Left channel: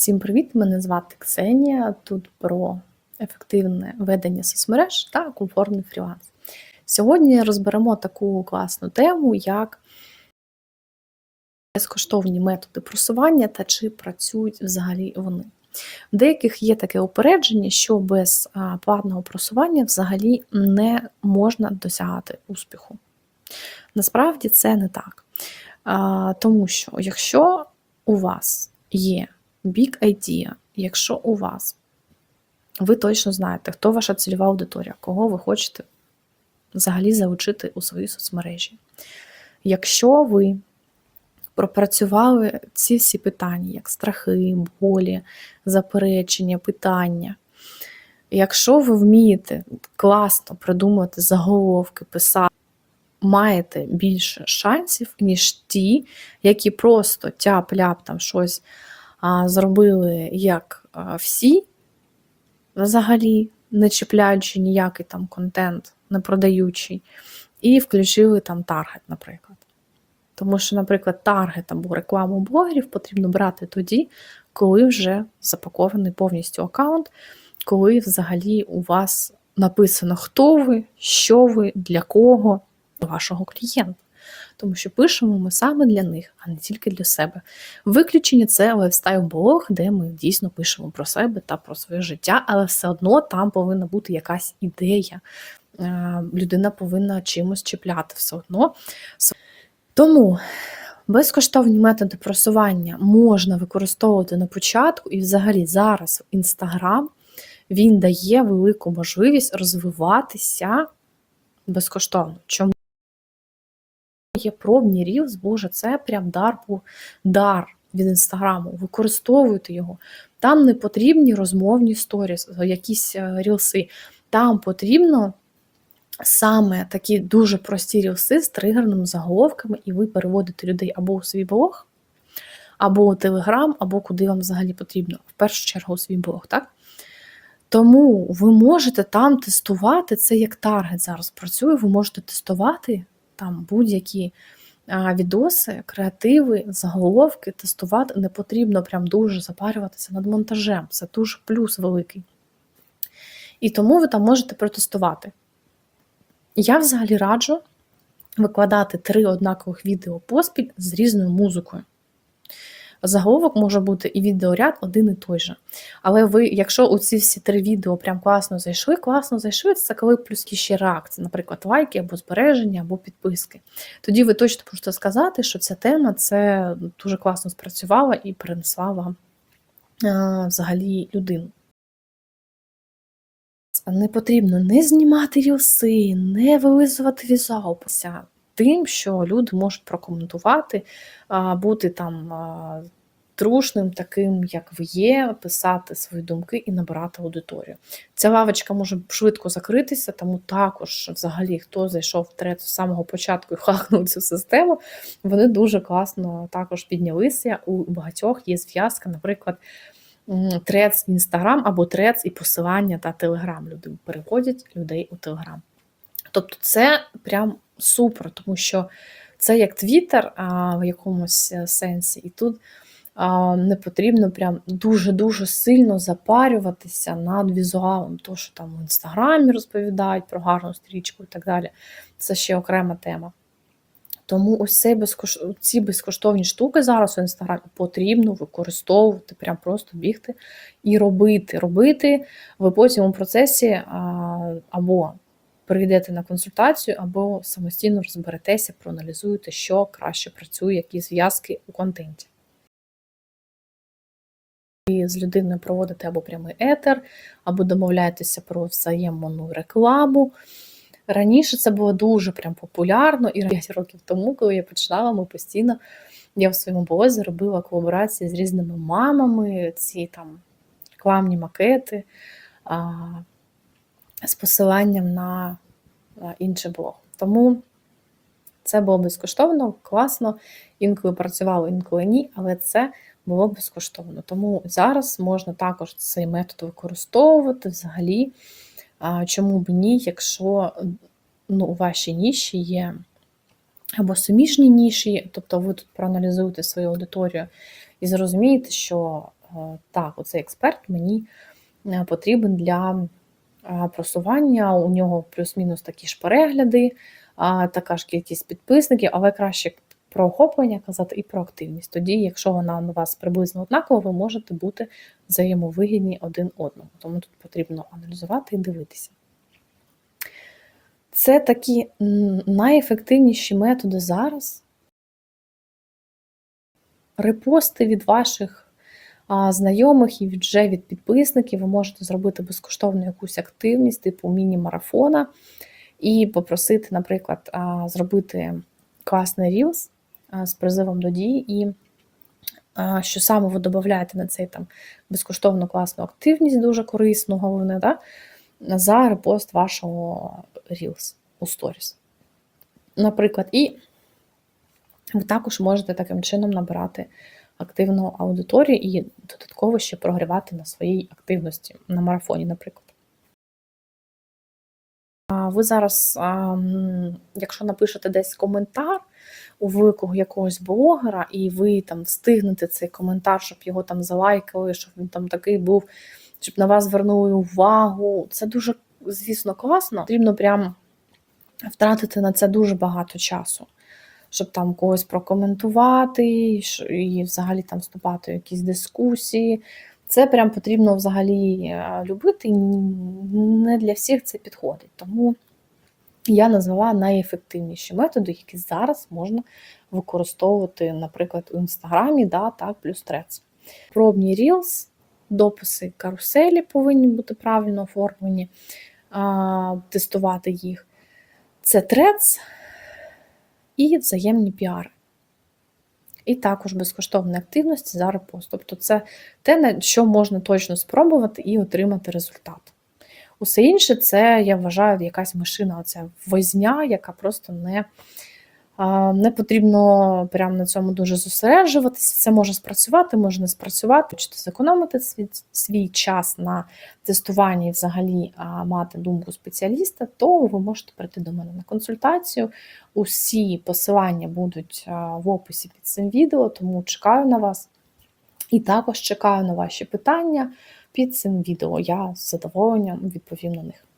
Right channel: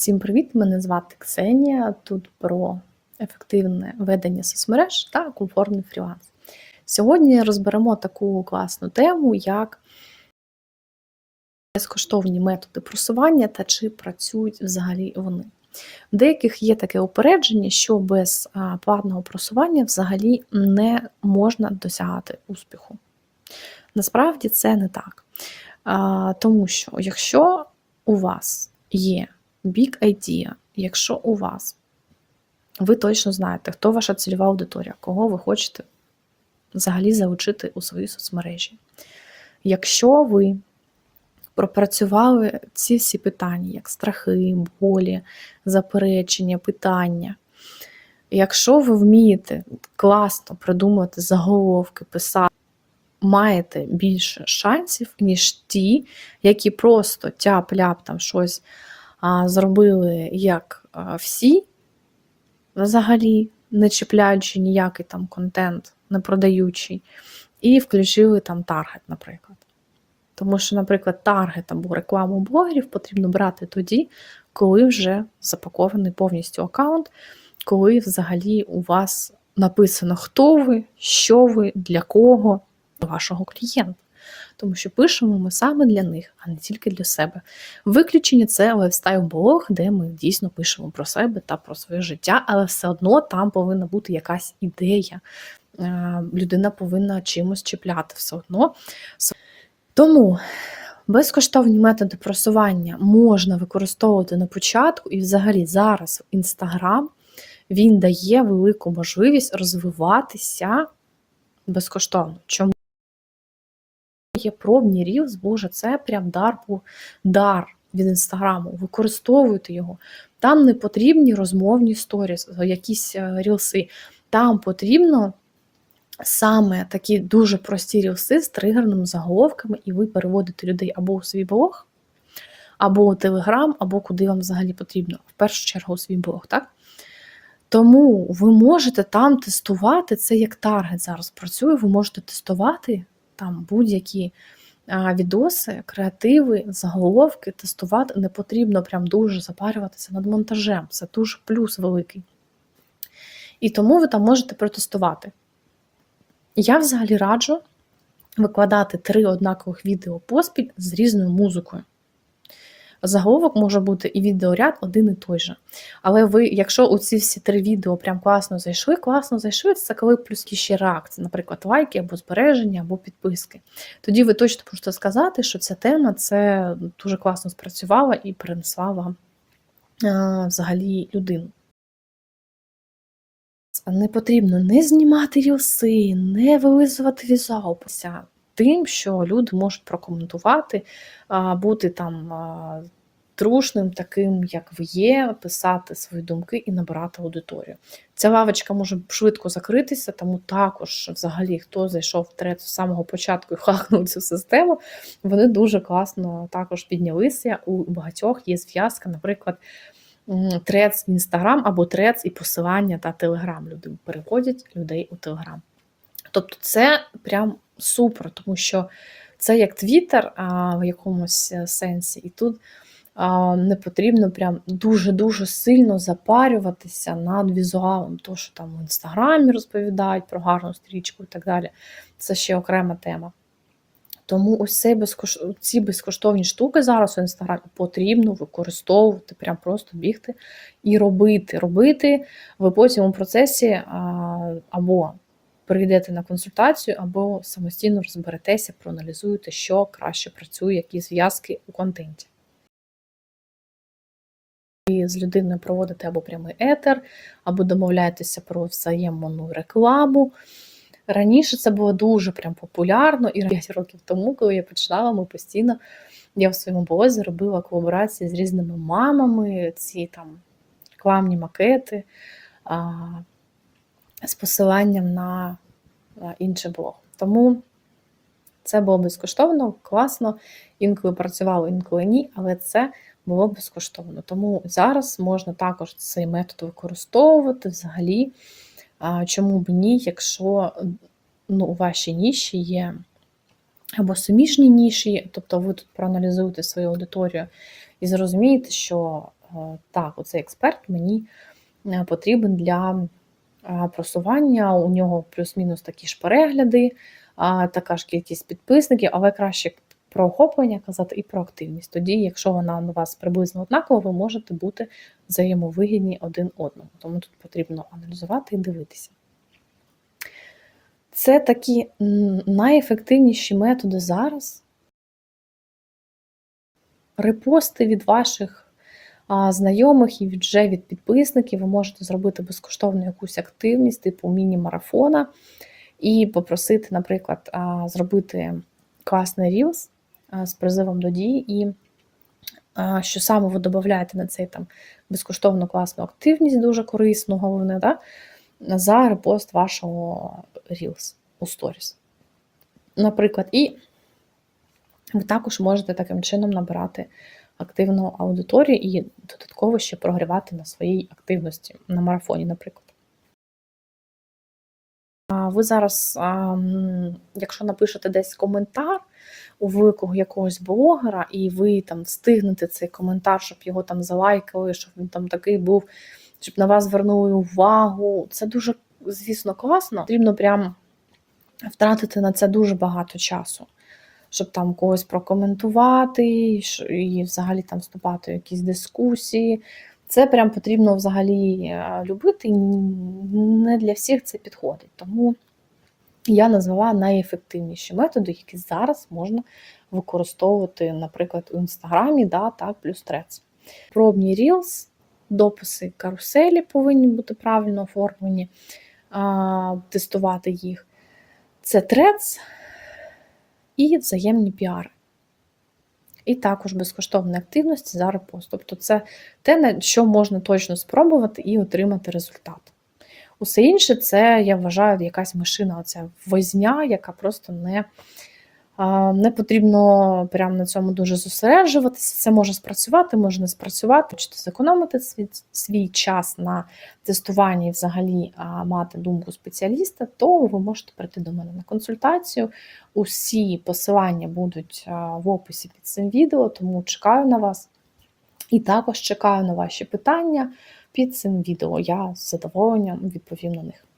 Всім привіт! Мене звати Ксенія. Тут про ефективне ведення соцмереж та комфортний фріланс. Сьогодні розберемо таку класну тему, як безкоштовні методи просування та чи працюють взагалі вони. У деяких є таке упередження, що без платного просування взагалі не можна досягати успіху. Насправді це не так. Тому що якщо у вас є big idea, якщо у вас ви точно знаєте, хто ваша цільова аудиторія, кого ви хочете взагалі залучити у свої соцмережі. Якщо ви пропрацювали ці всі питання, як страхи, болі, заперечення, питання. Якщо ви вмієте класно придумати заголовки, писати, маєте більше шансів, ніж ті, які просто тяп-ляп там щось зробили, як всі, взагалі, не чіпляючи ніякий там контент, не продаючий, і включили там таргет, наприклад. Тому що, наприклад, таргет або рекламу блогерів потрібно брати тоді, коли вже запакований повністю аккаунт, коли взагалі у вас написано, хто ви, що ви, для кого, вашого клієнта. Тому що пишемо ми саме для них, а не тільки для себе. Виключення це лайфстайл-блог, де ми дійсно пишемо про себе та про своє життя, але все одно там повинна бути якась ідея. Е, людина повинна чимось чіпляти все одно. Тому безкоштовні методи просування можна використовувати на початку, і взагалі зараз Інстаграм він дає велику можливість розвиватися безкоштовно. Чому? Є пробні рілз, боже, це прям дар дар від інстаграму. Використовуйте його. Там не потрібні розмовні сторіс, якісь е, рілси. Там потрібно саме такі дуже прості рілси з тригерними заголовками, і ви переводите людей або у свій блог, або у Телеграм, або куди вам взагалі потрібно. В першу чергу у свій блог, так? Тому ви можете там тестувати це як таргет зараз працює, ви можете тестувати там будь-які відоси, креативи, заголовки, тестувати не потрібно прям дуже запарюватися над монтажем. Це дуже плюс великий. І тому ви там можете протестувати. Я взагалі раджу викладати три однакових відео поспіль з різною музикою. Заголовок може бути і відеоряд один і той же. Але ви, якщо у ці всі три відео прям класно зайшли, класно зайшли, це коли плюс ще реакції, наприклад, лайки або збереження, або підписки. Тоді ви точно можете сказати, що ця тема це дуже класно спрацювала і принесла вам а, взагалі людину. Не потрібно не знімати рілси, не вилизувати візуалпися тим, що люди можуть прокоментувати, бути там трушним, таким, як ви є, писати свої думки і набирати аудиторію. Ця лавочка може швидко закритися, тому також, взагалі, хто зайшов в трет з самого початку і хахнув цю систему, вони дуже класно також піднялися. У багатьох є зв'язка, наприклад трец Інстаграм або трец і посилання та Телеграм. Люди переводять людей у Телеграм. Тобто це прям супер, тому що це як Твіттер в якомусь е, сенсі, і тут не потрібно прям дуже-дуже сильно запарюватися над візуалом, то, що там в інстаграмі розповідають про гарну стрічку і так далі. Це ще окрема тема. Тому ось цей безкош... ці безкоштовні штуки зараз у інстаграмі потрібно використовувати, прям просто бігти і робити. Робити ви потім у процесі або прийдете на консультацію, або самостійно розберетеся, проаналізуєте, що краще працює, які зв'язки у контенті. І з людиною проводите або прямий етер, або домовляєтеся про взаємну рекламу. Раніше це було дуже прям популярно, і 5 років тому, коли я починала, ми постійно я в своєму блозі робила колаборації з різними мамами, ці там рекламні макети з посиланням на інший блог. Тому це було безкоштовно, класно, інколи працювало, інколи ні, але це було безкоштовно. Тому зараз можна також цей метод використовувати взагалі. Чому б ні, якщо ну, у вашій ніші є або суміжні ніші, тобто ви тут проаналізуєте свою аудиторію і зрозумієте, що е, так, оцей експерт мені е, потрібен для е, просування. У нього плюс-мінус такі ж перегляди, така ж кількість підписників, але краще про охоплення казати і про активність. Тоді, якщо вона у вас приблизно однакова, ви можете бути взаємовигідні один одному. Тому тут потрібно аналізувати і дивитися. Це такі найефективніші методи зараз. Репости від ваших знайомих і вже від підписників. Ви можете зробити безкоштовну якусь активність, типу міні-марафона, і попросити, наприклад, зробити класний Reels з призивом до дій, і що саме ви додаєте на цей там безкоштовну класну активність, дуже корисну, головне, да? за репост вашого Reels у Stories. Наприклад, і ви також можете таким чином набирати активну аудиторію і додатково ще прогрівати на своїй активності на марафоні, наприклад. Ви зараз, якщо напишете десь коментар у якогось блогера, і ви там встигнете цей коментар, щоб його там залайкали, щоб він там такий був, щоб на вас звернули увагу. Це дуже, звісно, класно. Потрібно прямо втратити на це дуже багато часу, щоб там когось прокоментувати і взагалі там вступати в якісь дискусії. Це прям потрібно взагалі е, любити, не для всіх це підходить. Тому я назвала найефективніші методи, які зараз можна використовувати, наприклад, у інстаграмі, да, так, плюс трец. Пробні Reels, дописи каруселі повинні бути правильно оформлені, а, тестувати їх. Це трец і взаємні піари. І також безкоштовні активності за репост. Тобто це те, на що можна точно спробувати і отримати результат. Усе інше це, я вважаю, якась машина, оця возня, яка просто не, не потрібно прямо на цьому дуже зосереджуватися. Це може спрацювати, може не спрацювати. Хочете зекономити свій, свій час на тестуванні і взагалі мати думку спеціаліста, то ви можете прийти до мене на консультацію. Усі посилання будуть в описі під цим відео, тому чекаю на вас. І також чекаю на ваші питання під цим відео. Я з задоволенням відповім на них.